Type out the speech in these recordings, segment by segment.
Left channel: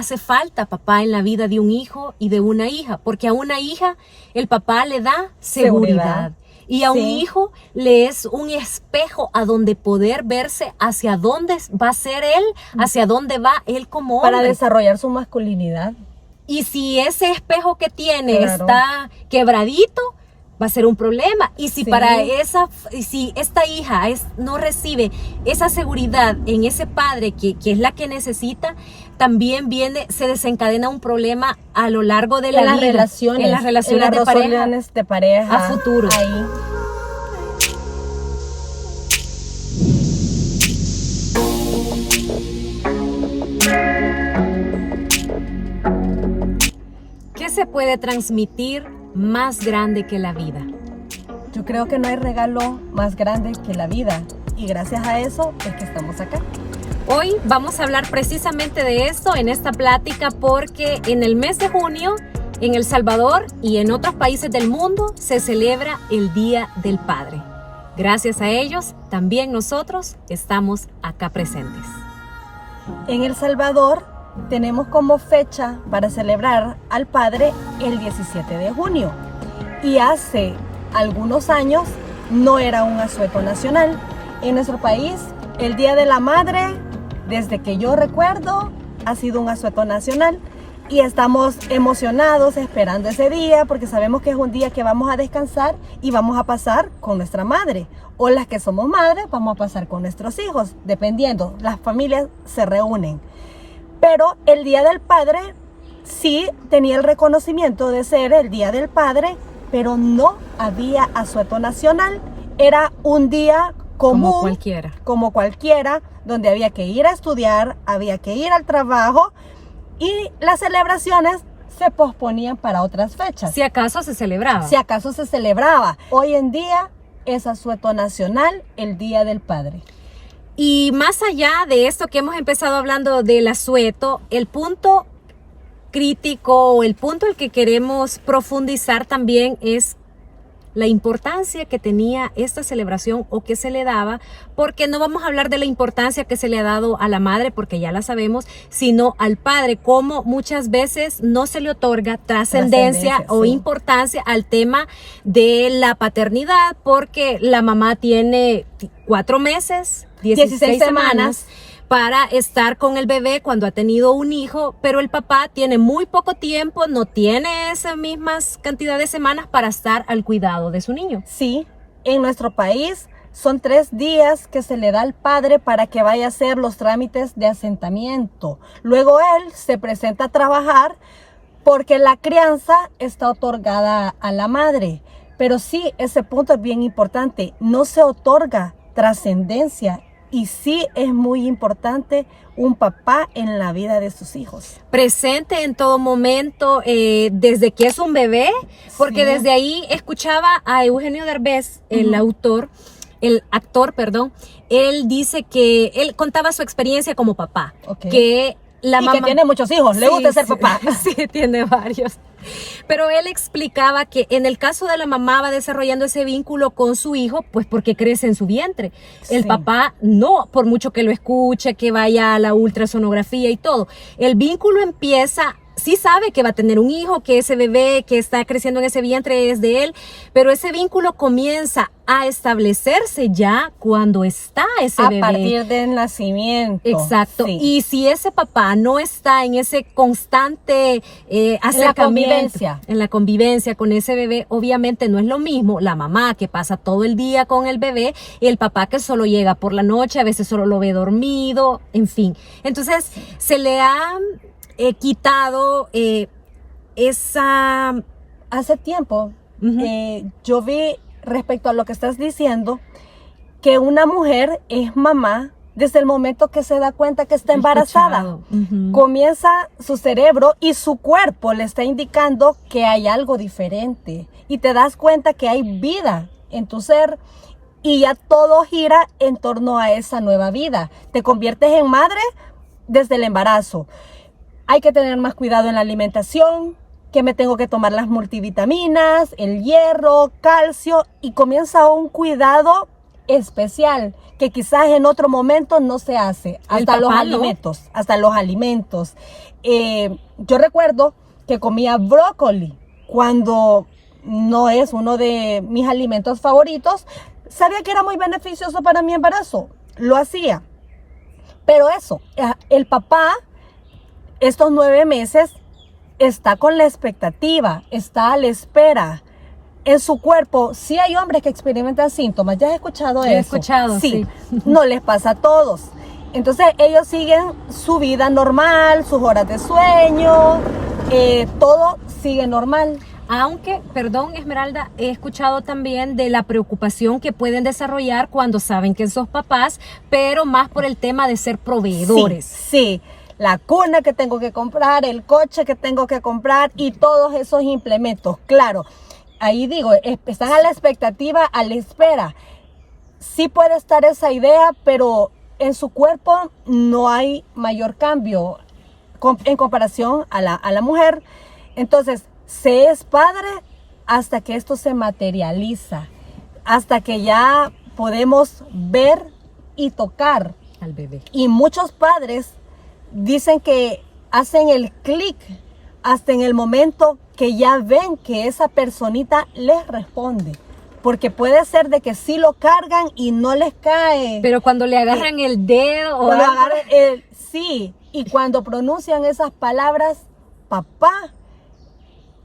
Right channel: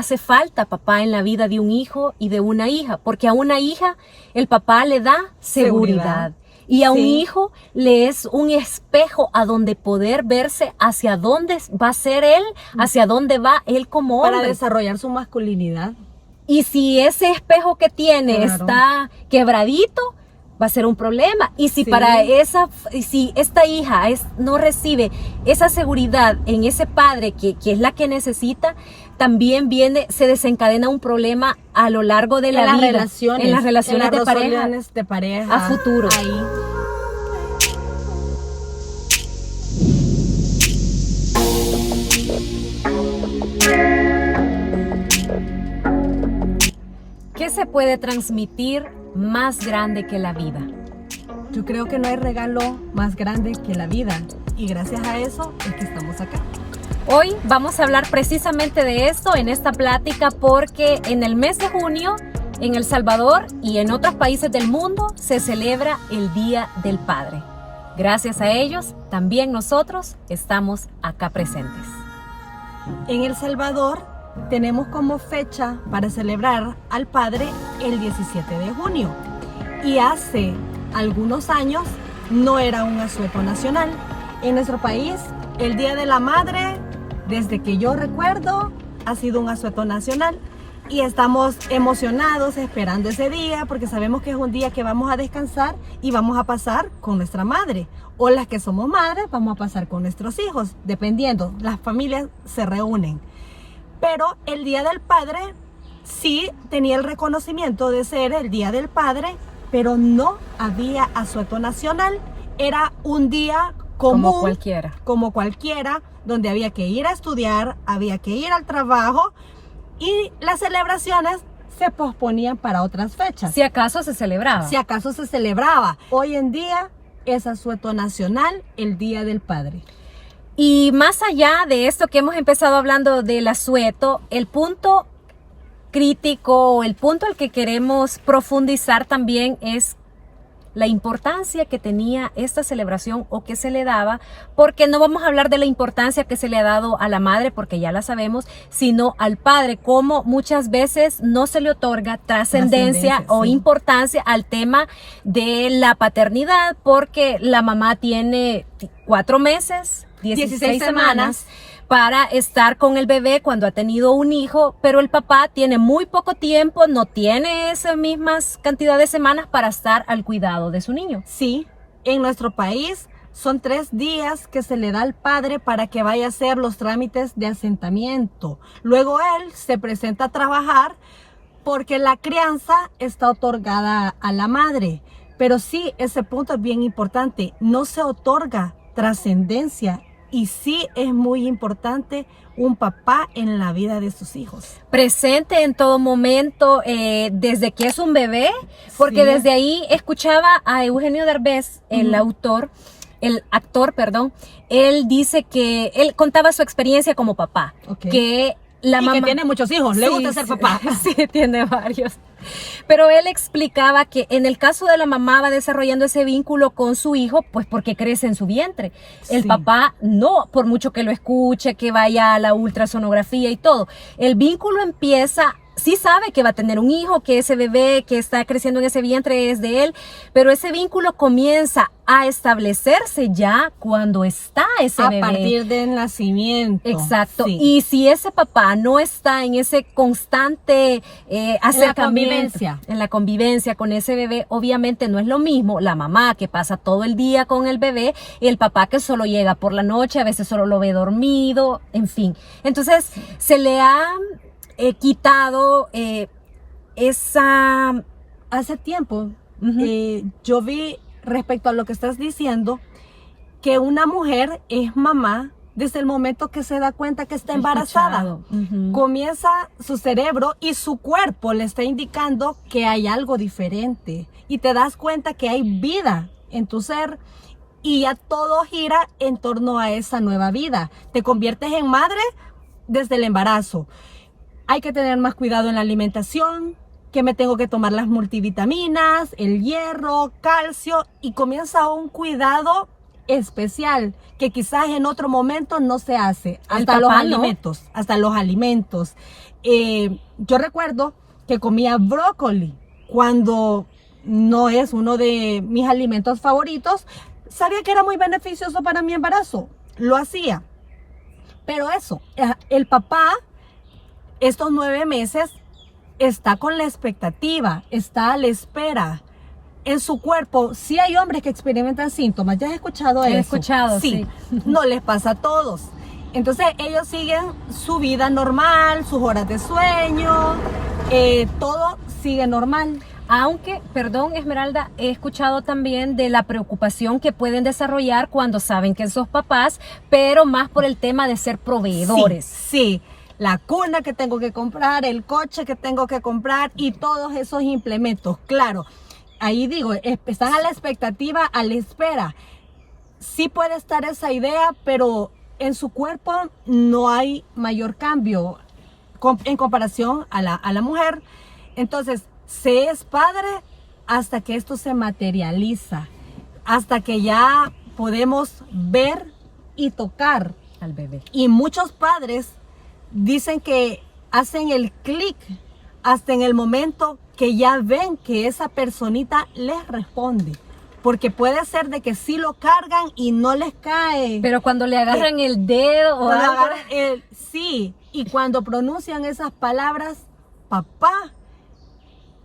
hace falta papá en la vida de un hijo y de una hija, porque a una hija el papá le da seguridad. Y a un hijo le es un espejo a donde poder verse hacia dónde va a ser él, hacia dónde va él como hombre. Para desarrollar su masculinidad. Y si ese espejo que tiene está quebradito, va a ser un problema. Y si si esta hija no recibe esa seguridad en ese padre que es la que necesita, también se desencadena un problema a lo largo de la vida. En las relaciones de pareja. A futuro. Ahí. ¿Qué se puede transmitir más grande que la vida? Yo creo que no hay regalo más grande que la vida, y gracias a eso es que estamos acá. Hoy vamos a hablar precisamente de esto en esta plática, porque en el mes de junio en El Salvador y en otros países del mundo se celebra el Día del Padre. Gracias a ellos, también nosotros estamos acá presentes. En El Salvador tenemos como fecha para celebrar al Padre el 17 de junio. Y hace algunos años no era un asueto nacional. En nuestro país, el Día de la Madre, desde que yo recuerdo, ha sido un asueto nacional. Y estamos emocionados esperando ese día, porque sabemos que es un día que vamos a descansar y vamos a pasar con nuestra madre. O las que somos madres, vamos a pasar con nuestros hijos, dependiendo. Las familias se reúnen. Pero el Día del Padre sí tenía el reconocimiento de ser el Día del Padre, pero no había asueto nacional. Era un día común, como cualquiera, donde había que ir a estudiar, había que ir al trabajo, y las celebraciones se posponían para otras fechas. Si acaso se celebraba. Si acaso se celebraba. Hoy en día es asueto nacional el Día del Padre. Y más allá de esto que hemos empezado hablando del asueto, el punto crítico o el punto al que queremos profundizar también es la importancia que tenía esta celebración o que se le daba, porque no vamos a hablar de la importancia que se le ha dado a la madre, porque ya la sabemos, sino al padre, como muchas veces no se le otorga trascendencia o importancia al tema de la paternidad, porque la mamá tiene 4 meses, 16 semanas para estar con el bebé cuando ha tenido un hijo, pero el papá tiene muy poco tiempo, no tiene esas mismas cantidad de semanas para estar al cuidado de su niño. Sí, en nuestro país son 3 días que se le da al padre para que vaya a hacer los trámites de asentamiento. Luego él se presenta a trabajar porque la crianza está otorgada a la madre. Pero sí, ese punto es bien importante, no se otorga trascendencia. Y sí es muy importante un papá en la vida de sus hijos. Presente en todo momento, desde que es un bebé, porque desde ahí escuchaba a Eugenio Derbez, el actor, él dice que él contaba su experiencia como papá, que la mamá... que tiene muchos hijos, le gusta ser papá. Sí, tiene varios. Pero él explicaba que en el caso de la mamá va desarrollando ese vínculo con su hijo, pues porque crece en su vientre. El papá no, por mucho que lo escuche, que vaya a la ultrasonografía y todo. El vínculo empieza, sí sabe que va a tener un hijo, que ese bebé que está creciendo en ese vientre es de él, pero ese vínculo comienza a establecerse ya cuando está ese bebé. A partir del nacimiento. Exacto. Sí. Y si ese papá no está en ese constante acercamiento, en la convivencia con ese bebé, obviamente no es lo mismo la mamá que pasa todo el día con el bebé y el papá que solo llega por la noche, a veces solo lo ve dormido, en fin. Entonces se le ha quitado esa... Hace tiempo yo vi, respecto a lo que estás diciendo, que una mujer es mamá desde el momento que se da cuenta que está embarazada. Comienza su cerebro y su cuerpo le está indicando que hay algo diferente. Y te das cuenta que hay vida en tu ser y ya todo gira en torno a esa nueva vida. Te conviertes en madre desde el embarazo. Hay que tener más cuidado en la alimentación, que me tengo que tomar las multivitaminas, el hierro, calcio, y comienza un cuidado especial que quizás en otro momento no se hace. Hasta los alimentos, hasta los alimentos. Yo recuerdo que comía brócoli cuando no es uno de mis alimentos favoritos. Sabía que era muy beneficioso para mi embarazo, lo hacía. Pero eso, el papá, estos 9 meses, está con la expectativa, está a la espera. En su cuerpo, sí hay hombres que experimentan síntomas. ¿Ya has escuchado eso? He escuchado, sí. No les pasa a todos. Entonces ellos siguen su vida normal, sus horas de sueño, todo sigue normal. Aunque, perdón Esmeralda, he escuchado también de la preocupación que pueden desarrollar cuando saben que son papás, pero más por el tema de ser proveedores. Sí. La cuna que tengo que comprar, el coche que tengo que comprar y todos esos implementos. Claro, ahí digo, están a la expectativa, a la espera. Sí puede estar esa idea, pero en su cuerpo no hay mayor cambio en comparación a la mujer. Entonces, se es padre hasta que esto se materializa, hasta que ya podemos ver y tocar al bebé. Y muchos padres dicen que hacen el clic hasta en el momento que ya ven que esa personita les responde. Porque puede ser de que sí lo cargan y no les cae. Pero cuando le agarran el dedo o algo. Sí, y cuando pronuncian esas palabras, papá,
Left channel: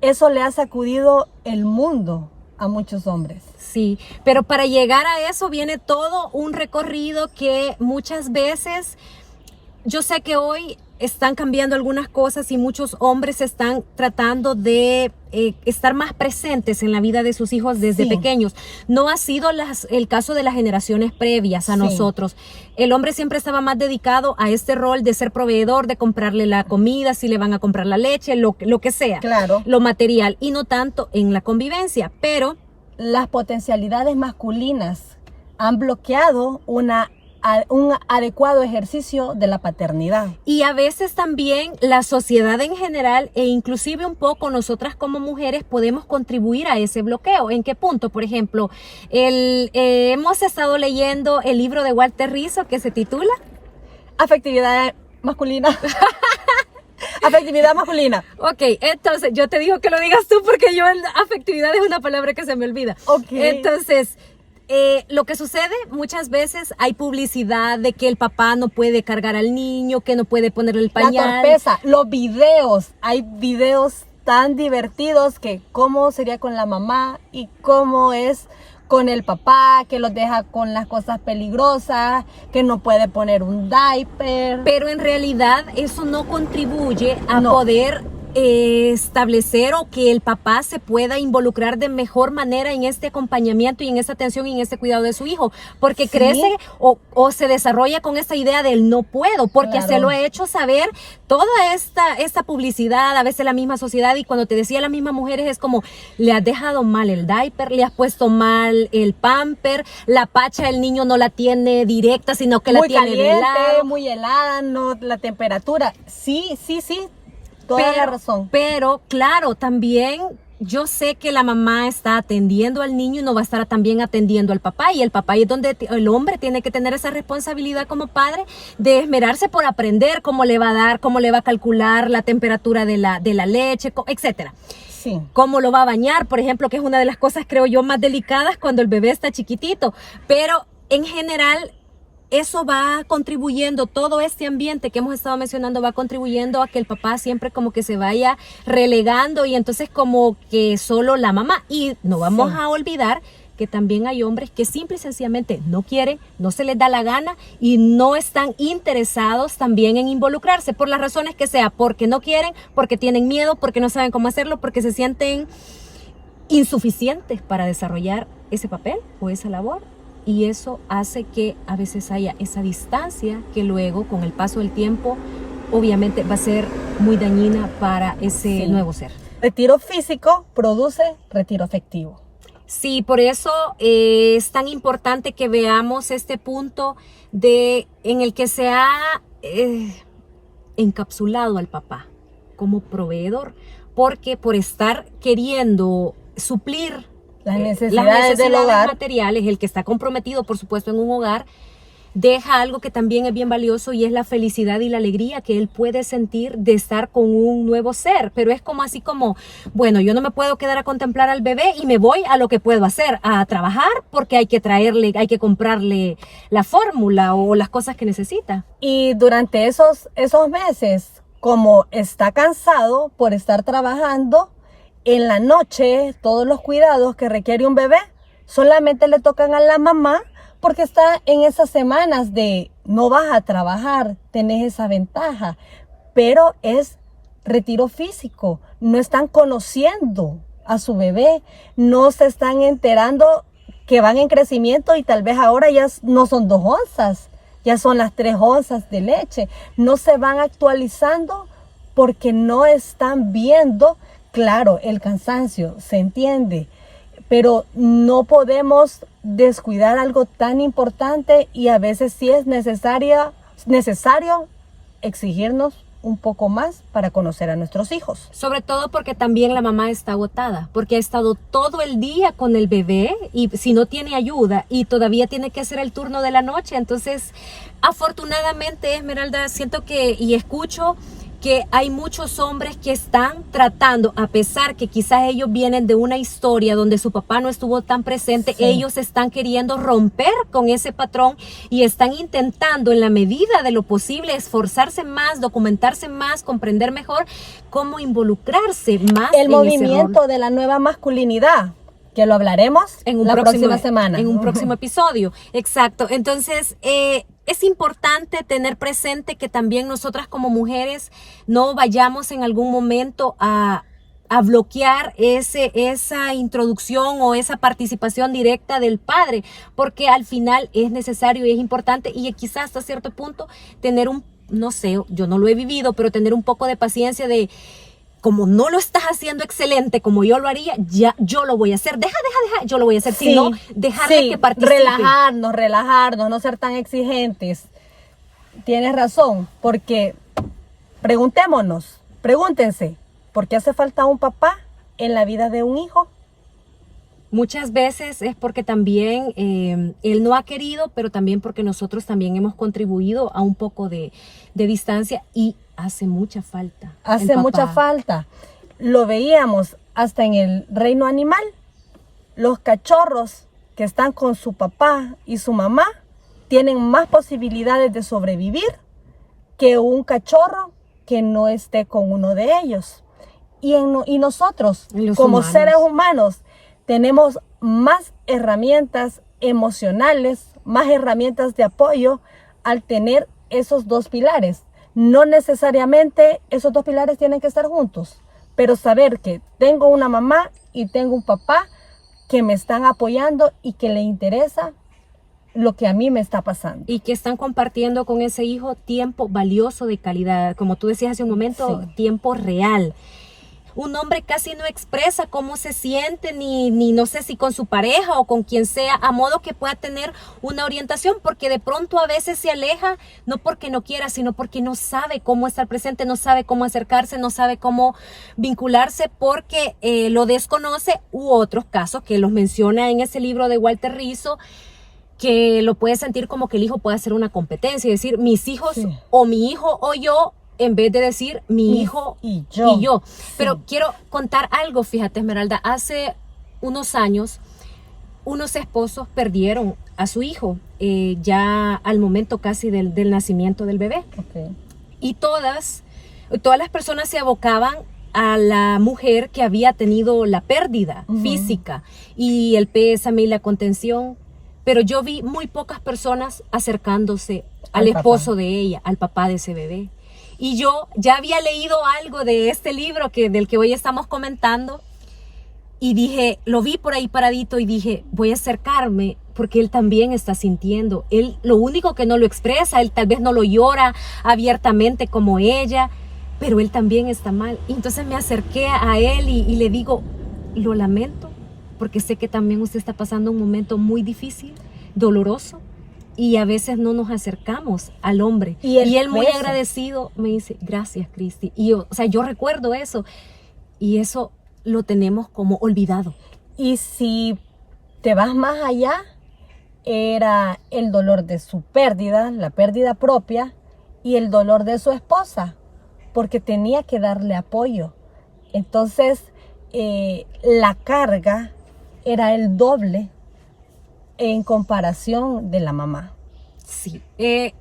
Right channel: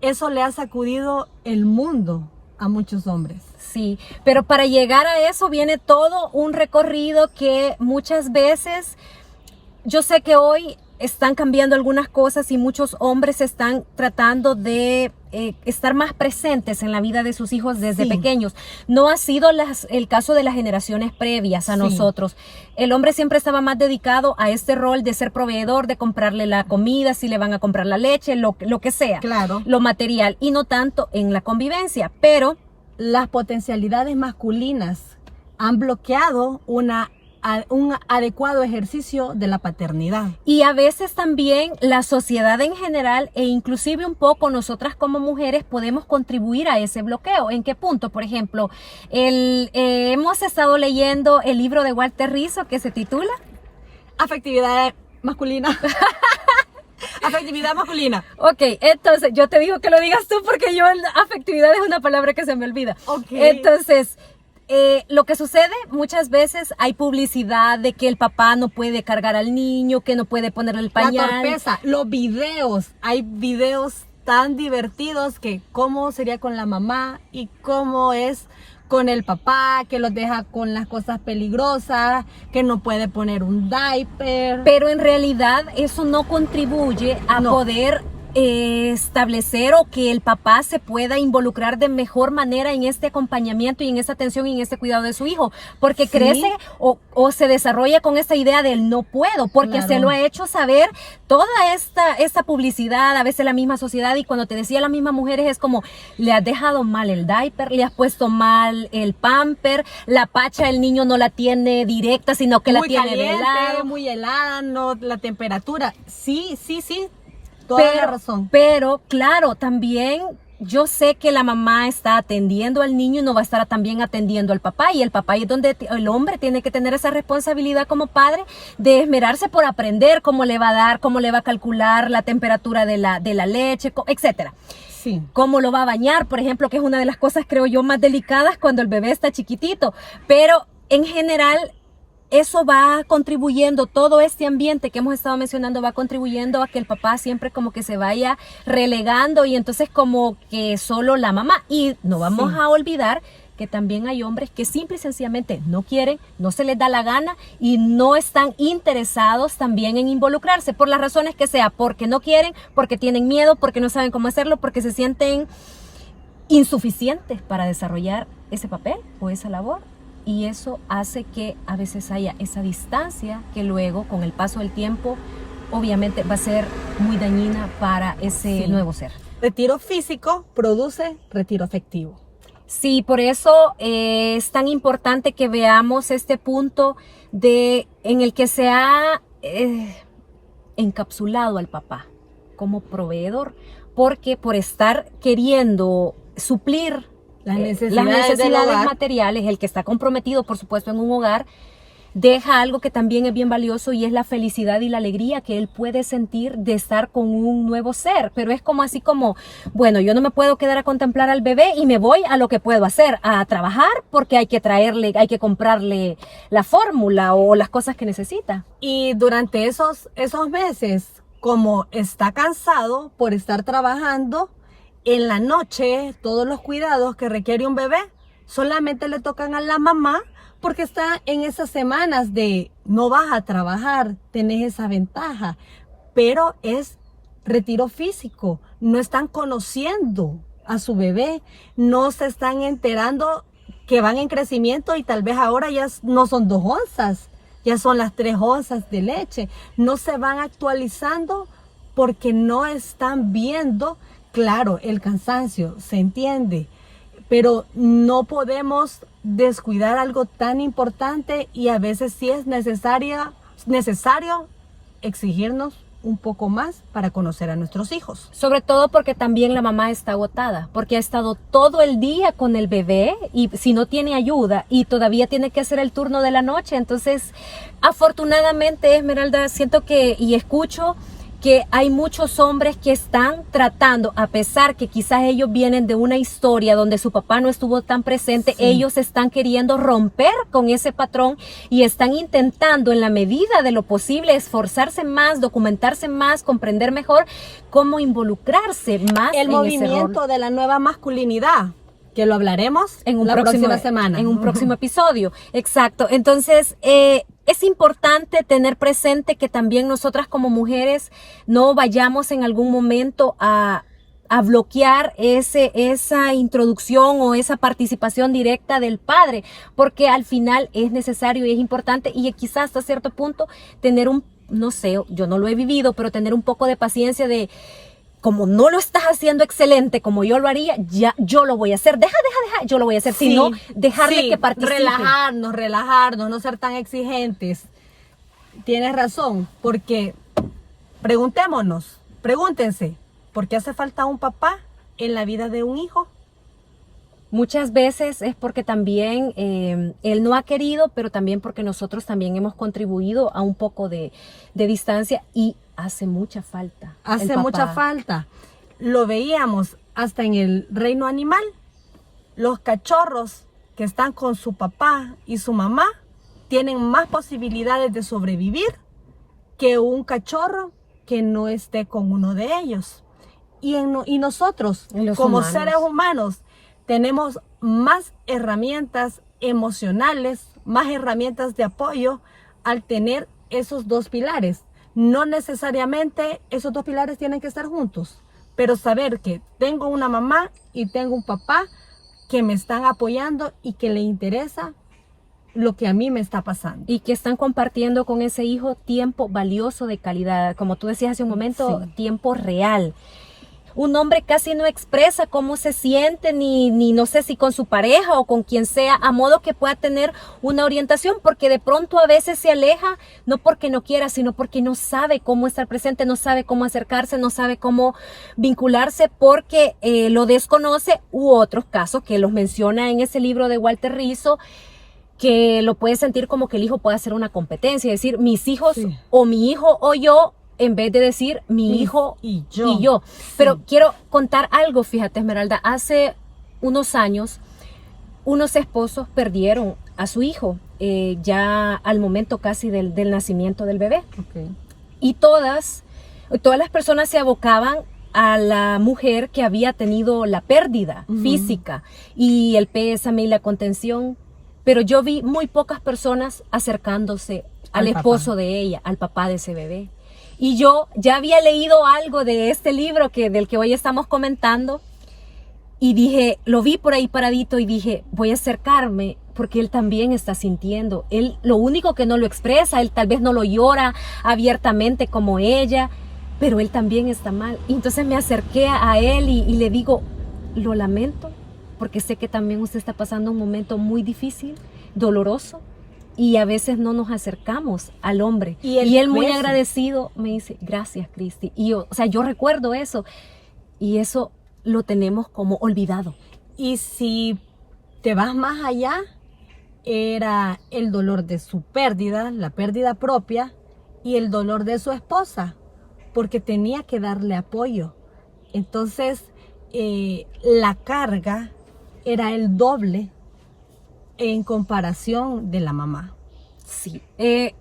eso le ha sacudido el mundo a muchos hombres. Sí, pero para llegar a eso viene todo un recorrido que muchas veces... Yo sé que hoy están cambiando algunas cosas y muchos hombres están tratando de estar más presentes en la vida de sus hijos desde pequeños. No ha sido el caso de las generaciones previas a nosotros. El hombre siempre estaba más dedicado a este rol de ser proveedor, de comprarle la comida, si le van a comprar la leche, lo que sea, lo material, y no tanto en la convivencia. Pero las potencialidades masculinas han bloqueado un adecuado ejercicio de la paternidad. Y a veces también la sociedad en general e inclusive un poco nosotras como mujeres podemos contribuir a ese bloqueo. ¿En qué punto? Por ejemplo, hemos estado leyendo el libro de Walter Rizzo que se titula Afectividad masculina. Afectividad masculina. Ok, entonces yo te digo que lo digas tú porque yo afectividad es una palabra que se me olvida. Entonces... lo que sucede muchas veces hay publicidad de que el papá no puede cargar al niño, que no puede ponerle el pañal. La torpeza, los videos, hay videos tan divertidos que cómo sería con la mamá y cómo es con el papá, que los deja con las cosas peligrosas, que no puede poner un diaper. Pero en realidad eso no contribuye a poder establecer o que el papá se pueda involucrar de mejor manera en este acompañamiento y en esta atención y en este cuidado de su hijo, porque crece o se desarrolla con esta idea del no puedo, porque se lo ha hecho saber toda esta publicidad, a veces la misma sociedad, y cuando te decía las mismas mujeres es como, le has dejado mal el diaper, le has puesto mal el pamper, la pacha el niño no la tiene directa, sino que la tiene de lado. Muy helada, no la temperatura, sí. Toda la razón. Pero claro, también yo sé que la mamá está atendiendo al niño y no va a estar también atendiendo al papá, y el papá es donde el hombre tiene que tener esa responsabilidad como padre de esmerarse por aprender cómo le va a dar, cómo le va a calcular la temperatura de la leche, etcétera. Sí. Cómo lo va a bañar, por ejemplo, que es una de las cosas, creo yo, más delicadas cuando el bebé está chiquitito. Pero en general eso va contribuyendo, todo este ambiente que hemos estado mencionando va contribuyendo a que el papá siempre como que se vaya relegando, y entonces como que solo la mamá. Y no vamos a olvidar que también hay hombres que simple y sencillamente no quieren, no se les da la gana y no están interesados también en involucrarse, por las razones que sea, porque no quieren, porque tienen miedo, porque no saben cómo hacerlo, porque se sienten insuficientes para desarrollar ese papel o esa labor. Y eso hace que a veces haya esa distancia que luego, con el paso del tiempo, obviamente va a ser muy dañina para ese nuevo ser. Retiro físico produce retiro afectivo. Sí, por eso es tan importante que veamos este punto en el que se ha encapsulado al papá como proveedor, porque por estar queriendo suplir las las necesidades del hogar. materiales, el que está comprometido, por supuesto, en un hogar, deja algo que también es bien valioso y es la felicidad y la alegría que él puede sentir de estar con un nuevo ser. Pero es como así como, bueno, yo no me puedo quedar a contemplar al bebé y me voy a lo que puedo hacer, a trabajar porque hay que traerle, hay que comprarle la fórmula o las cosas que necesita. Y durante esos meses, como está cansado por estar trabajando, en la noche todos los cuidados que requiere un bebé solamente le tocan a la mamá, porque está en esas semanas de no vas a trabajar, tenés esa ventaja, pero es retiro físico, no están conociendo a su bebé, no se están enterando que van en crecimiento y tal vez ahora ya no son 2 onzas, ya son las 3 onzas de leche, no se van actualizando porque no están viendo, claro, el cansancio, se entiende, pero no podemos descuidar algo tan importante y a veces sí es necesario exigirnos un poco más para conocer a nuestros hijos. Sobre todo porque también la mamá está agotada, porque ha estado todo el día con el bebé y si no tiene ayuda y todavía tiene que hacer el turno de la noche. Entonces, afortunadamente, Esmeralda, siento que y escucho que hay muchos hombres que están tratando, a pesar que quizás ellos vienen de una historia donde su papá no estuvo tan presente, sí, ellos están queriendo romper con ese patrón y están intentando en la medida de lo posible esforzarse más, documentarse más, comprender mejor cómo involucrarse más el en movimiento ese rol. de la nueva masculinidad, que lo hablaremos En un la próxima semana. En un próximo episodio, exacto. Entonces, es importante tener presente que también nosotras como mujeres no vayamos en algún momento a bloquear esa introducción o esa participación directa del padre, porque al final es necesario y es importante y quizás hasta cierto punto tener no sé, yo no lo he vivido, pero tener un poco de paciencia de como no lo estás haciendo excelente como yo lo haría, ya yo lo voy a hacer. Deja, yo lo voy a hacer. Sí, sino dejarle que participe. Relajarnos, no ser tan exigentes. Tienes razón, porque pregúntense, ¿por qué hace falta un papá en la vida de un hijo? Muchas veces es porque también él no ha querido, pero también porque nosotros también hemos contribuido a un poco de distancia y hace mucha falta. Hace mucha falta. Lo veíamos hasta en el reino animal. Los cachorros que están con su papá y su mamá tienen más posibilidades de sobrevivir que un cachorro que no esté con uno de ellos. Y nosotros, como seres humanos, tenemos más herramientas emocionales, más herramientas de apoyo al tener esos 2 pilares. No necesariamente esos 2 pilares tienen que estar juntos, pero saber que tengo una mamá y tengo un papá que me están apoyando y que le interesa lo que a mí me está pasando. Y que están compartiendo con ese hijo tiempo valioso de calidad, como tú decías hace un momento, sí, tiempo real. Un hombre casi no expresa cómo se siente, ni no sé si con su pareja o con quien sea, a modo que pueda tener una orientación, porque de pronto a veces se aleja, no porque no quiera, sino porque no sabe cómo estar presente, no sabe cómo acercarse, no sabe cómo vincularse, porque lo desconoce, u otros casos que los menciona en ese libro de Walter Rizzo, que lo puede sentir como que el hijo puede hacer una competencia, es decir, mis hijos, sí, o mi hijo o yo, en vez de decir mi hijo y yo. Pero quiero contar algo, fíjate, Esmeralda, hace unos años unos esposos perdieron a su hijo ya al momento casi del nacimiento del bebé. Okay. Y todas las personas se abocaban a la mujer que había tenido la pérdida física y el pésame y la contención, pero yo vi muy pocas personas acercándose al esposo de ella, al papá de ese bebé. Y yo ya había leído algo de este libro del que hoy estamos comentando y dije, lo vi por ahí paradito y dije, voy a acercarme porque él también está sintiendo. Él lo único que no lo expresa, él tal vez no lo llora abiertamente como ella, pero él también está mal. Y entonces me acerqué a él y le digo, lo lamento porque sé que también usted está pasando un momento muy difícil, doloroso. Y a veces no nos acercamos al hombre. Y él muy agradecido me dice, gracias, Cristi. Y yo recuerdo eso. Y eso lo tenemos como olvidado. Y si te vas más allá, era el dolor de su pérdida, la pérdida propia, y el dolor de su esposa, porque tenía que darle apoyo. Entonces, la carga era el doble en comparación de la mamá. Sí,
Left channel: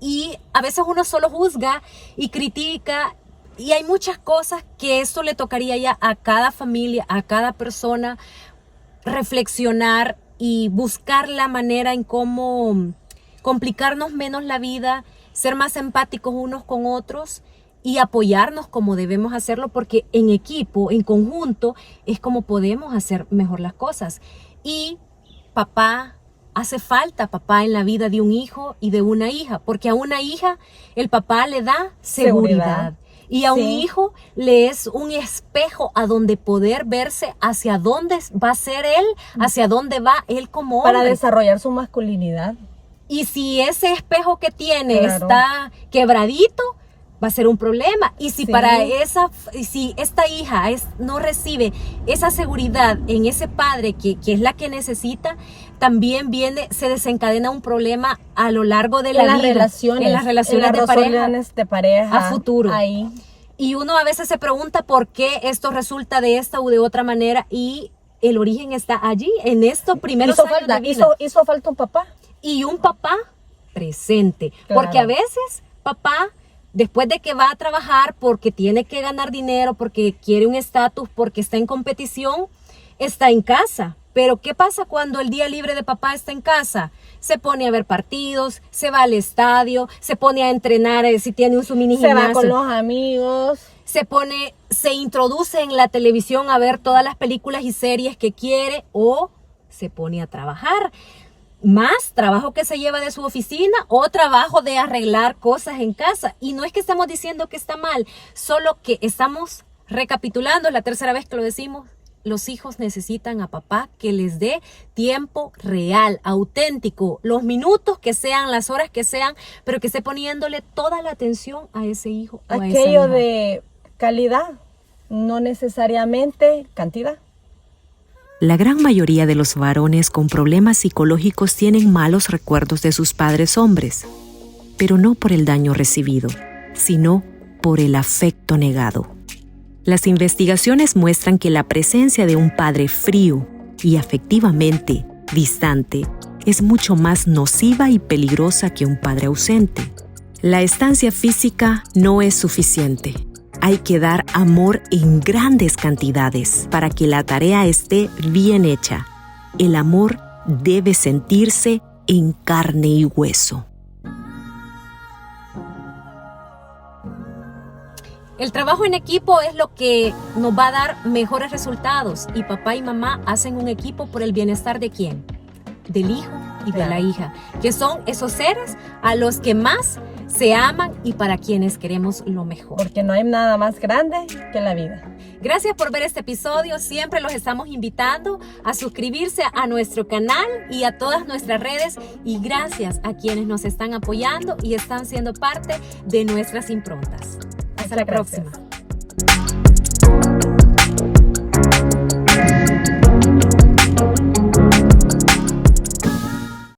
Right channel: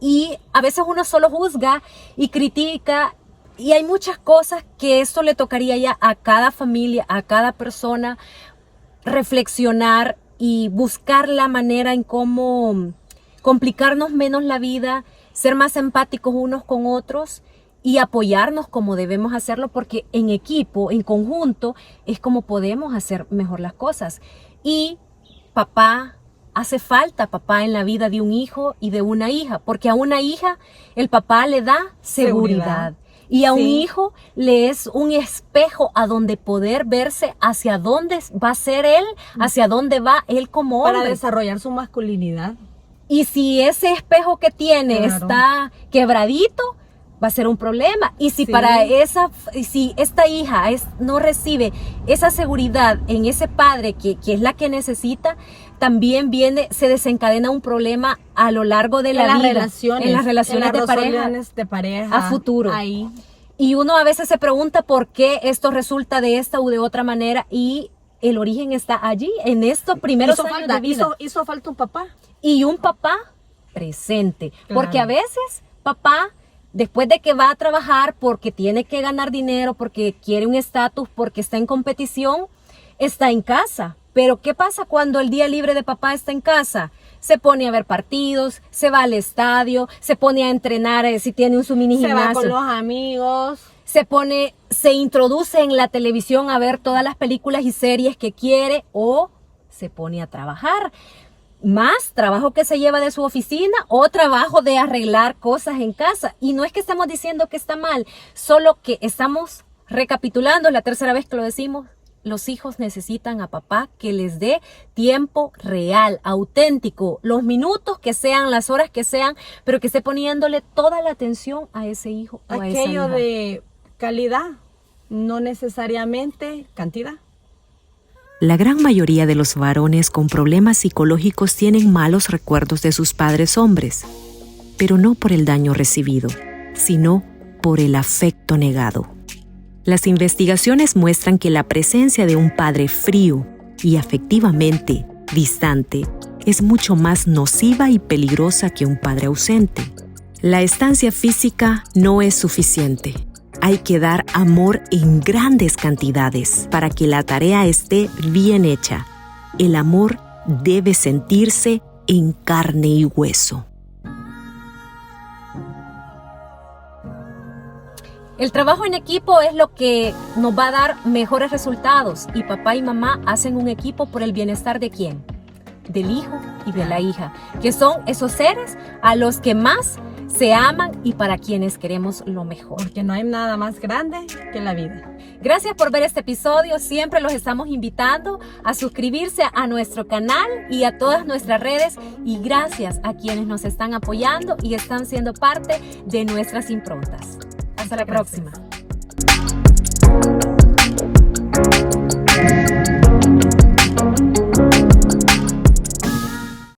y a veces uno solo juzga y critica, y hay muchas cosas que eso le tocaría ya a cada familia, a cada persona, reflexionar y buscar la manera en cómo complicarnos menos la vida, ser más empáticos unos con otros y apoyarnos como debemos hacerlo, porque en equipo, en conjunto, es como podemos hacer mejor las cosas. Y hace falta papá en la vida de un hijo y de una hija, porque a una hija el papá le da seguridad. Y a un hijo le es un espejo a donde poder verse hacia dónde va a ser él, hacia dónde va él como hombre. Para desarrollar su masculinidad. Y si ese espejo que tiene está quebradito, va a ser un problema. Y si si esta hija no recibe esa seguridad en ese padre que es la que necesita, también se desencadena un problema a lo largo de la vida. En las relaciones de pareja a futuro. Ahí. Y uno a veces se pregunta por qué esto resulta de esta u de otra manera, y el origen está allí, en estos primeros años de vida. Hizo falta un papá. Y un papá presente. Claro. Porque a veces papá, después de que va a trabajar porque tiene que ganar dinero, porque quiere un estatus, porque está en competición, está en casa. Pero ¿qué pasa cuando el día libre de papá está en casa? Se pone a ver partidos, se va al estadio, se pone a entrenar si tiene su mini gimnasio. Se va con los amigos. Se introduce en la televisión a ver todas las películas y series que quiere, o se pone a trabajar. Más trabajo que se lleva de su oficina o trabajo de arreglar cosas en casa. Y no es que estamos diciendo que está mal, solo que estamos recapitulando, es la tercera vez que lo decimos. Los hijos necesitan a papá que les dé tiempo real, auténtico, los minutos que sean, las horas que sean, pero que esté poniéndole toda la atención a ese hijo o a esa hija. Aquello de calidad, no necesariamente cantidad. La gran mayoría de los varones con problemas psicológicos tienen malos recuerdos de sus padres hombres, pero no por el daño recibido, sino por el afecto negado. Las investigaciones muestran que la presencia de un padre frío y afectivamente distante es mucho más nociva y peligrosa que un padre ausente. La estancia física no es suficiente. Hay que dar amor en grandes cantidades para que la tarea esté bien hecha. El amor debe sentirse en carne y hueso. El trabajo en equipo es lo que nos va a dar mejores resultados, y papá y mamá hacen un equipo por el bienestar ¿de quién? Del hijo y de la hija, que son esos seres a los que más se aman y para quienes queremos lo mejor. Porque no hay nada más grande que la vida. Gracias por ver este episodio. Siempre los estamos invitando a suscribirse a nuestro canal y a todas nuestras redes. Y gracias a quienes nos están apoyando y están siendo parte de nuestras improntas. Hasta la próxima.